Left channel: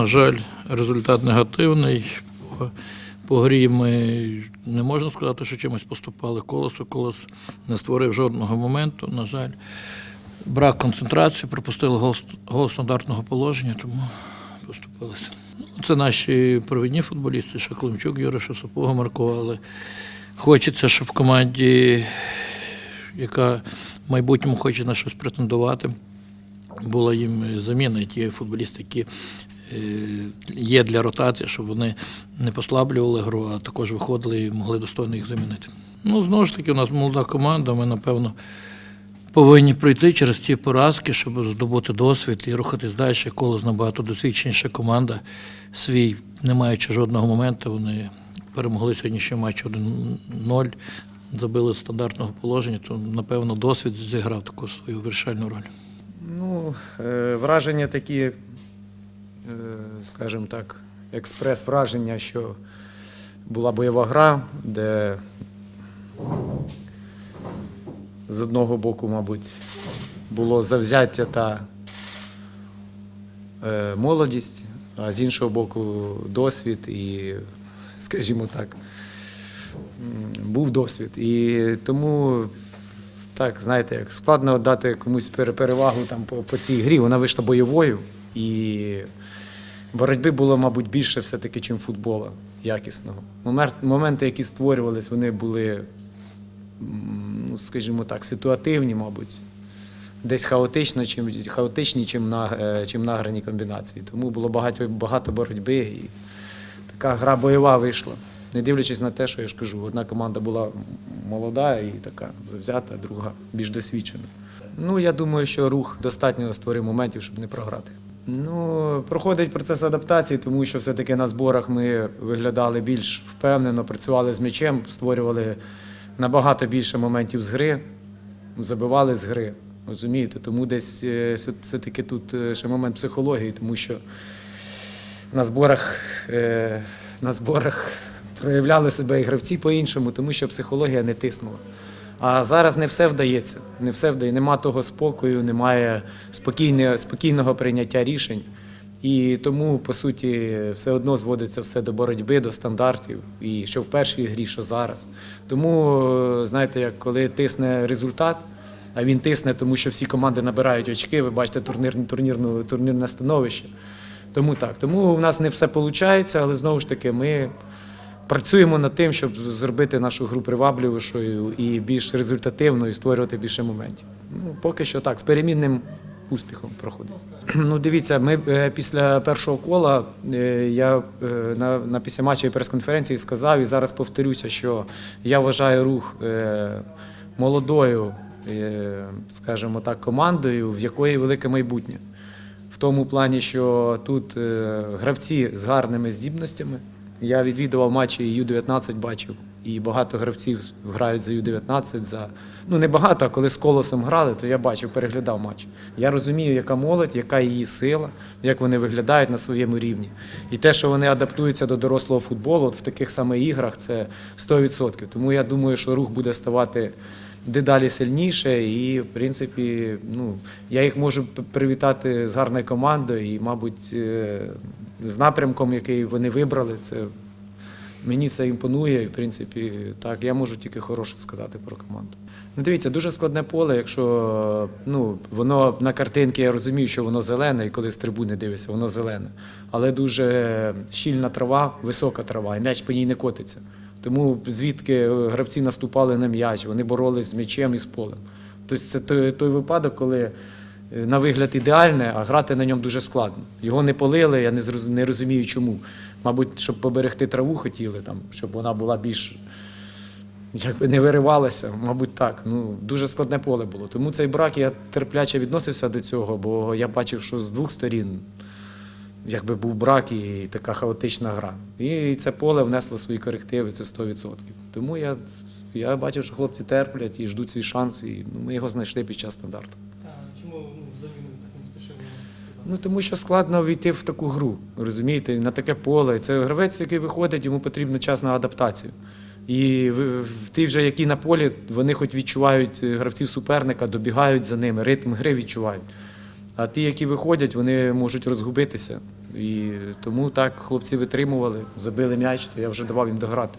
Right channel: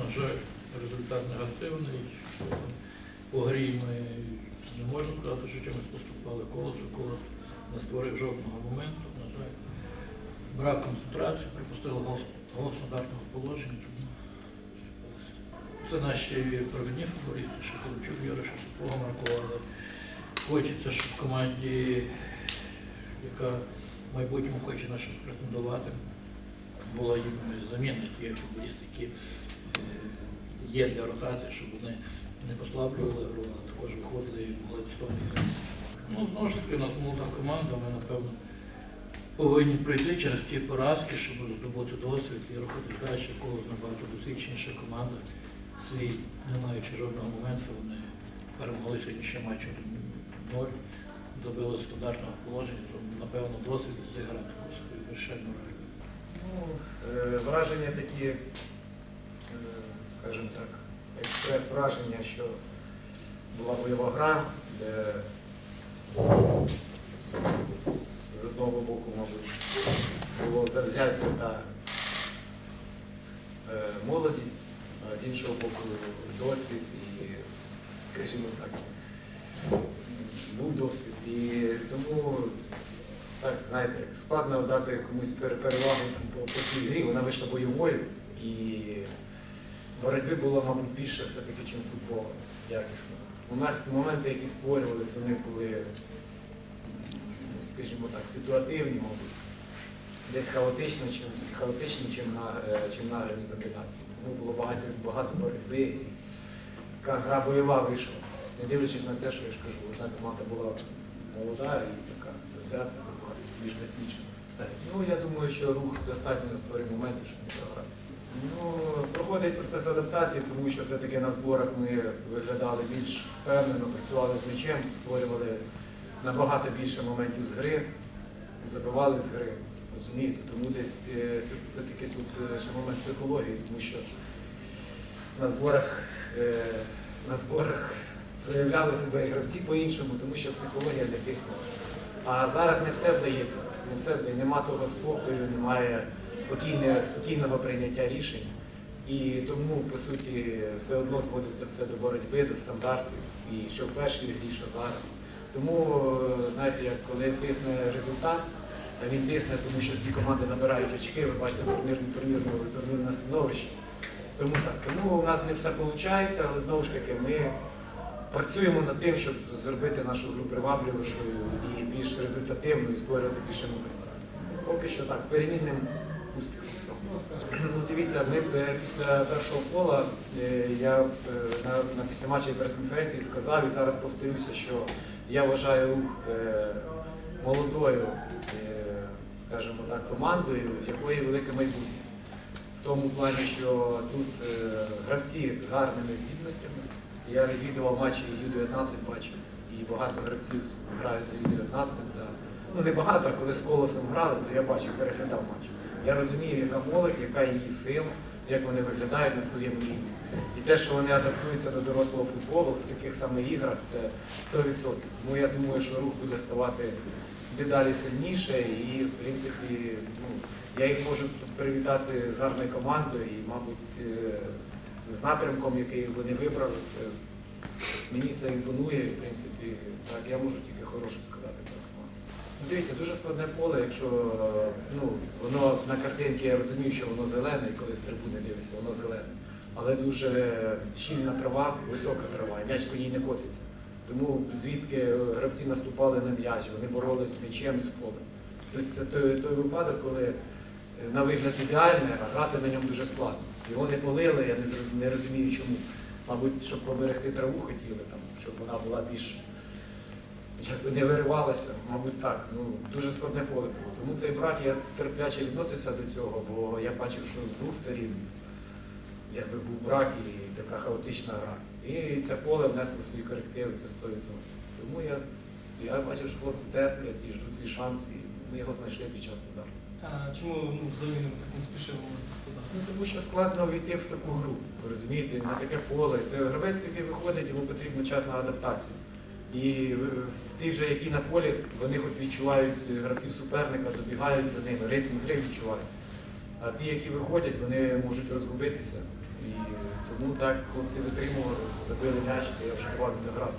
На жаль, результат негативний. По, грі ми не можна сказати, що чимось поступали колесо. Колос не створив жодного моменту. На жаль, брак концентрації, пропустили гол, стандартного положення, тому поступилися. Це наші провідні футболісти, Шаклунчук, Юриша, Сапога, Марко, але хочеться, щоб в команді, яка в майбутньому хоче на щось претендувати, була їм заміна, ті футболісти, які є для ротації, щоб вони не послаблювали гру, а також виходили і могли достойно їх замінити. Ну, знову ж таки, у нас молода команда, ми, напевно, повинні пройти через ті поразки, щоб здобути досвід і рухатись далі. Колос набагато досвідченіша команда. Свій, не маючи жодного моменту, вони перемогли сьогоднішній матч 1-0, забили стандартного положення, то, напевно, досвід зіграв таку свою вирішальну роль. Ну, е, враження такі, скажімо так, експрес-враження, що була бойова гра, де з одного боку, мабуть, було завзяття та е, молодість, а з іншого боку, досвід і, скажімо так, був досвід. І тому так, знаєте, як складно дати комусь пере- перевагу там по, по цій грі. Вона вийшла бойовою, і боротьби було, мабуть, більше все-таки, чим футбола якісного. Моменти, які створювались, вони були, ну, скажімо так, ситуативні, мабуть. Десь хаотично, чим, хаотичні, чим, на, е, чим награні комбінації. Тому було багато, багато боротьби і така гра бойова вийшла. Не дивлячись на те, що я ж кажу, одна команда була молода і така завзята, друга більш досвідчена. Ну, я думаю, що рух достатньо створив моментів, щоб не програти. Ну, проходить процес адаптації, тому що все-таки на зборах ми виглядали більш впевнено, працювали з м'ячем, створювали набагато більше моментів з гри, забивали з гри. Розумієте? Тому десь е, все- все-таки тут е, ще момент психології, тому що на зборах, е, на зборах проявляли себе і гравці по-іншому, тому що психологія не тиснула. А зараз не все вдається. Не все вдає. Нема того спокою, немає спокійне, спокійного прийняття рішень. І тому, по суті, все одно зводиться все до боротьби, до стандартів. І що в першій грі, що зараз. Тому, знаєте, коли тисне результат, а він тисне, тому що всі команди набирають очки, ви бачите турнірне, турнірну, турнірне становище. Тому так. Тому у нас не все виходить, але знову ж таки ми працюємо над тим, щоб зробити нашу гру привабливішою і більш результативною, і створювати більше моментів. Ну, поки що так, з перемінним успіхом проходить. Ну, дивіться, ми е, після першого кола е, я е, на, на післяматчевій прес-конференції сказав і зараз повторюся, що я вважаю рух молодою, скажімо так, командою, в якої велике майбутнє. В тому плані, що тут гравці з гарними здібностями. Я відвідував матчі Ю-19 бачив, і багато гравців грають за Ю-19. За... Ну не багато, а коли з колосом грали, то я бачив, переглядав матч. Я розумію, яка молодь, яка її сила, як вони виглядають на своєму рівні. І те, що вони адаптуються до дорослого футболу, от в таких самих іграх, це 100%. Тому я думаю, що рух буде ставати дедалі сильніше, і в принципі, ну я їх можу привітати з гарною командою, і, мабуть, е, з напрямком, який вони вибрали, це мені це імпонує. І, в принципі, так я можу тільки хороше сказати про команду. Ну, дивіться, дуже складне поле, якщо ну, воно на картинці, я розумію, що воно зелене, і коли з трибуни дивишся, воно зелене. Але дуже щільна трава, висока трава, і м'яч по ній не котиться. Тому звідки гравці наступали на м'яч, вони боролись з м'ячем і з полем. Тобто це той, той випадок, коли на вигляд ідеальне, а грати на ньому дуже складно. Його не полили, я не, розумію чому. Мабуть, щоб поберегти траву хотіли, там, щоб вона була більш якби не виривалася, мабуть, так. Ну, дуже складне поле було. Тому цей брак я терпляче відносився до цього, бо я бачив, що з двох сторін якби був брак і така хаотична гра. І це поле внесло свої корективи, це 100%. Тому я, я бачив, що хлопці терплять і ждуть свій шанс, і ми його знайшли під час стандарту. Чому ну, заміну так не спішили? Ну тому що складно війти в таку гру, розумієте, на таке поле. Це гравець, який виходить, йому потрібно час на адаптацію. І ті вже, які на полі, вони хоч відчувають е, гравців суперника, добігають за ними, ритм гри відчувають. А ті, які виходять, вони можуть розгубитися І тому так хлопці витримували, забили м'яч, то я вже давав їм дограти.